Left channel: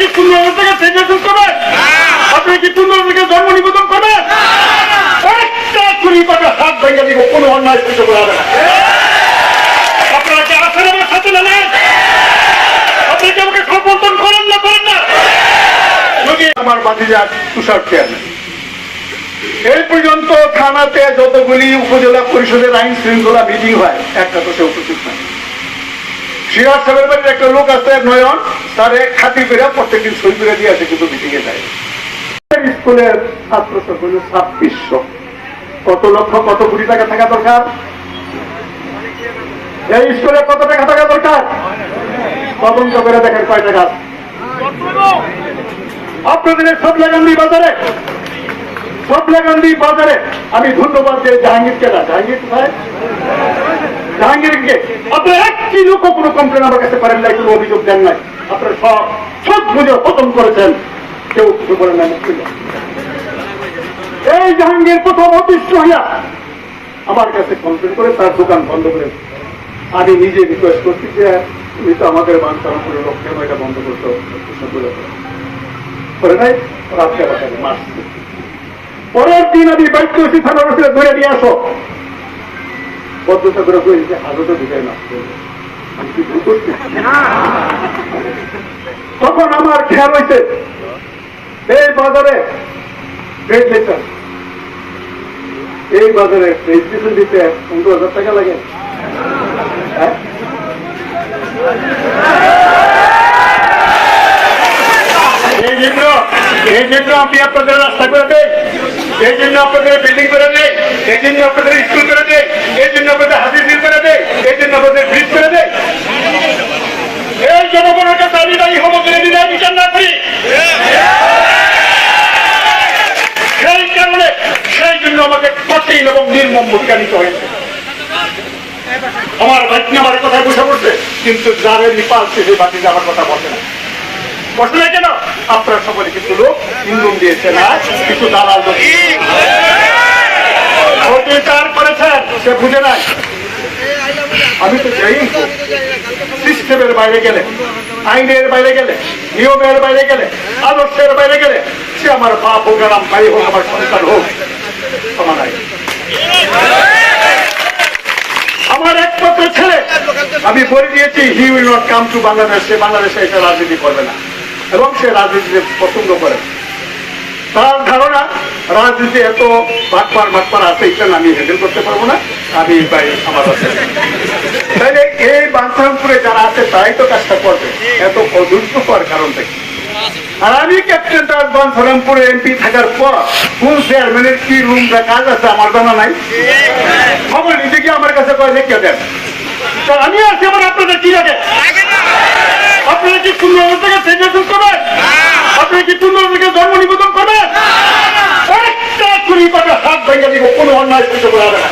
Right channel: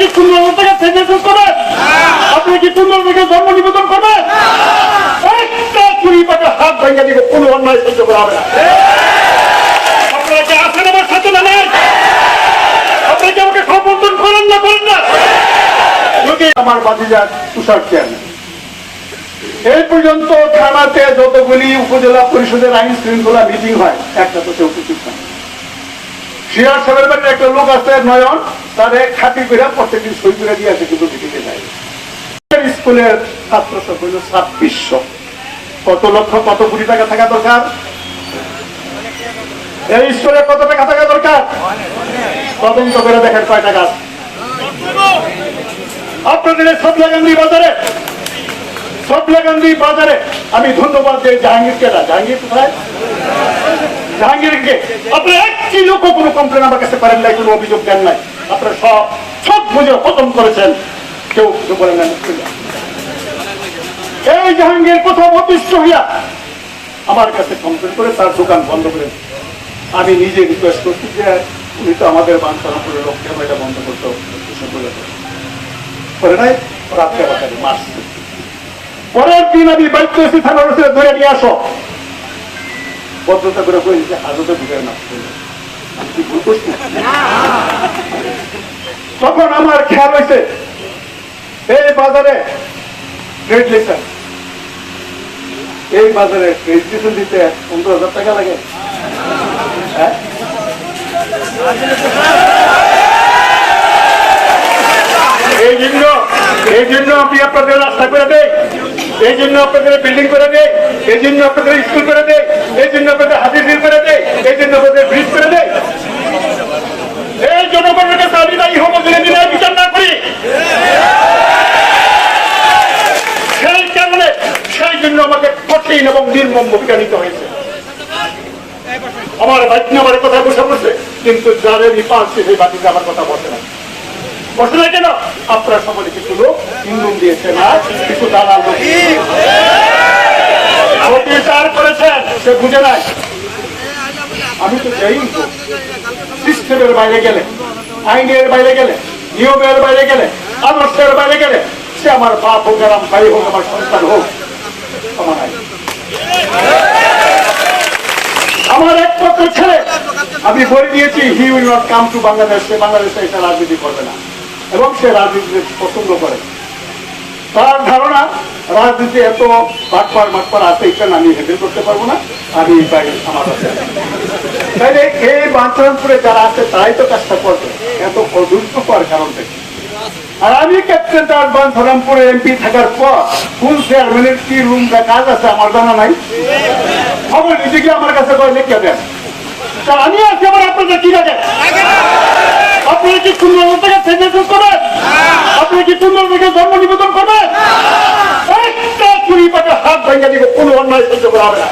কি 15 টাকা পেনশন করবেন? আপনি কি 15 টাকা জন্ম নিবেদন করবেন? একটা চুরি পাবে হাত ভেঙে দিবে, কোনো অন্যায় সহ্য করা হবে না। আপনারা কি আছেন আমার সাথে না নাই? আপনি কি আমাকে সমর্থন করেন না করেন না? যদি আমার বাতিজা তুষার চেয়ারম্যান এই পর্যন্ত থানাতে যতগুলি উপজেলা পরিষদের আইন শৃঙ্খলা মিটিং হয় একটা তো সে উপস্থিত হয়। সিরাজ সাহেবের বাড়ির একটা লোক আছে নয়ন, তার খাতির করে প্রত্যেকদিন সই করে দিয়ে আসে, কিন্তু মিটিং এ যায়। স্কুলের ছাত্র সংখ্যা 2600, কত লক্ষ কত কোটি টাকা থাকা দরকার? এই স্কুলে কত টাকা থাকা দরকার? তদন্ত করে দেখেন কয় টাকা। আপনাদের সবলাগান্ধী বাজারে, সবলাগান্ধী বাজারে আমি ধন্যবাদ দিই জাহাঙ্গীরকে। জাহাঙ্গীর কোথায়? জাহাঙ্গীরকে আপনি একটি লোক কোনো কমপ্লেন আমার কাছে পারেন নাই, কোনো অভিযোগ দেন নাই। আপনারা সব বুঝে খতম করেছেন, কেউ কিছু বলেন না। এই জাহাঙ্গীর প্রথম অতিষ্ঠ হইয়া আমার কাছে কমপ্লেন করে তার দোকান বন্ধ করে। আমি নিজে রিকোয়েস্ট করছি যে তুমি তো আমাদের বাঞ্ছারামপুরের লক্ষ্যে এটা বন্ধ করতে করে নাই, ওরা আজকে মাস। পরের দিন আমি বাইক করেছি থানার ধরে নিয়ে আসো, ভদ্রতা করে বলেছে হাজতে ঢুকাই না। তখন আমার খেয়াল হয়েছে এই বাজারে ট্রেড লাইসেন্স, এই বাজারে রেজিস্ট্রেশন দিতে 15,000 টাকা লাগে। এই জন্য আমি আপনাদের রাস্তা করে দেই, এই জন্য আপনাদের বিল্ডিং করে দেয়, এই জন্য আপনাদের স্কুল করে দেয়, এই জন্য আপনাদের হাতির ঝিল করে দেয়, এই জন্য আপনাদের ব্রিজ করে দেয়। এই জনগণের কাছে আমি দায়ী হবো করে দিলে বিচার না করি। সেই কারণে সেই জন্য আমাকে কঠিন এবং নির্মম ভূমিকা নিতে হয়েছে। আমার ভাগ্নি আমার কথা বসে বসে, কিন্তু যারে নিপালছে সেই বাতিতে আমার কথা বসে না। বসে নাই কেন? আপনারা সকলে কিছু লোক ইন্ধন দিয়েছে না, কিছু দালাল লোক অত্যাচার করেছেন, সে বুঝে নাই। আমি তো যাই সিস্টেমের বাইরে গেলে, আইনের বাইরে গেলে, নিয়মের বাইরে গেলে, আদর্শের বাইরে গেলে, সে আমার বাপ হোক, আমার ভাই হোক, আমার সন্তান হোক, আমার নাই। আমার একমাত্র ছেলে আমি বলে দিয়েছি, he will not come to Bangladesh. সে বাংলাদেশে এসে রাজনীতি করবে না, এবং সে রাজনীতিতে পছন্দ করে। তার ধারণা রাজনীতি এত ভাগপার আছে, এটা আমি হ্যান্ডেল করতে পারবো না, আমি বাইরে আমার আছে। তাইলে এই বাঞ্ছারামপুরে যারা আছে তারাই তো কাজটা করবে, এত অধৈর্য হওয়ার কারণটা কি? আর আমি ক্যাপ্টেন তার বাঞ্ছারামপুরে এমপি থাকার পর কোন চেয়ারম্যানের কি রুম বা কাজ আছে আমার জানা নাই। খবর নিজে কি আমার কাছে করে লিখে দেন, আমি আছি। আমার আপনাদের কি লাগে? আপনারা কি 15 টাকা পেনশন করবেন? আপনি কি 15 টাকা জন্ম নিবেদন করবেন? একটা চুরি পাবে হাত ভেঙে দিবে, কোনো অন্যায় সহ্য করা হবে না।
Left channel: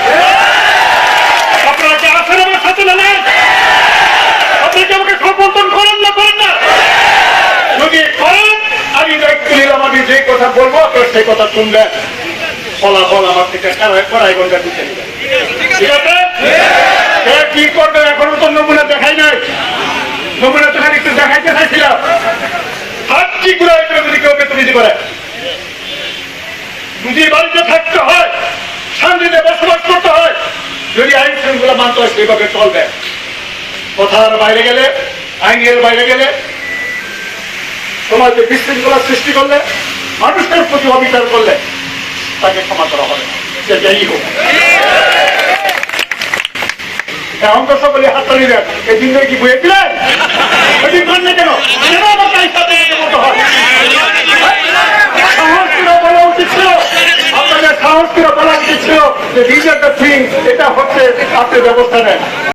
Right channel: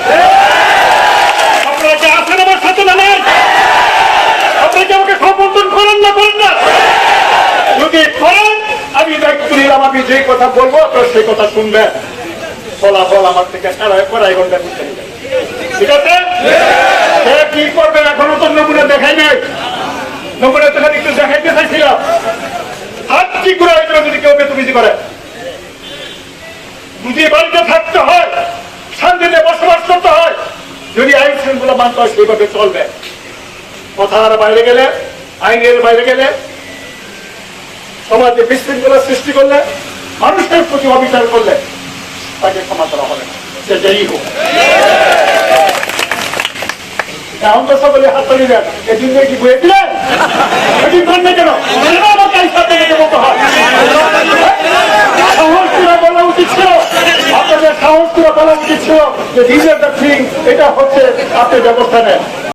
আপনারা কি আছেন আমার সাথে না নাই? আপনি কি আমাকে সমর্থন করেন না করেন না? যদি করেন আমি দায়িত্ব নিলাম, আমি যে কথা বলবো আপনার সেই কথা শুনবেন, ফলাফল আমার থেকে কড়াই ঘন্টা দিতে নেবেন। ঠিক আছে? কি করবে এখনো তো নমুনা দেখাই নাই। নমুনা তো একটু দেখাইতে চাইছিলাম। হাত কি করে যদি কেউ বেতনিজি করে, যদি বাড়িতে থাকতে হয়, শান্তিতে বসবাস করতে হয়, যদি আইন শৃঙ্খলা মানতে হয় সেইভাবে চলবে। কথার বাইরে গেলে, আইনের বাইরে গেলে, সমাজে বিশৃঙ্খলা সৃষ্টি করলে, মানুষের প্রতি অবিচার করলে তাকে ক্ষমা করা হবে না, সে যেই হোক। এখন তো সকলে হাততালি দেন, এই দিন কি বয়ে দিলেন? কেন আমার তাই সাথে বলতে হয়? সাহস করে বলা উচিত ছিল, আপনাদের সাহস করে বলা উচিত ছিল যে দিস ইজ দ্য থিং, এটা হচ্ছে আপনি ব্যবস্থা নেন।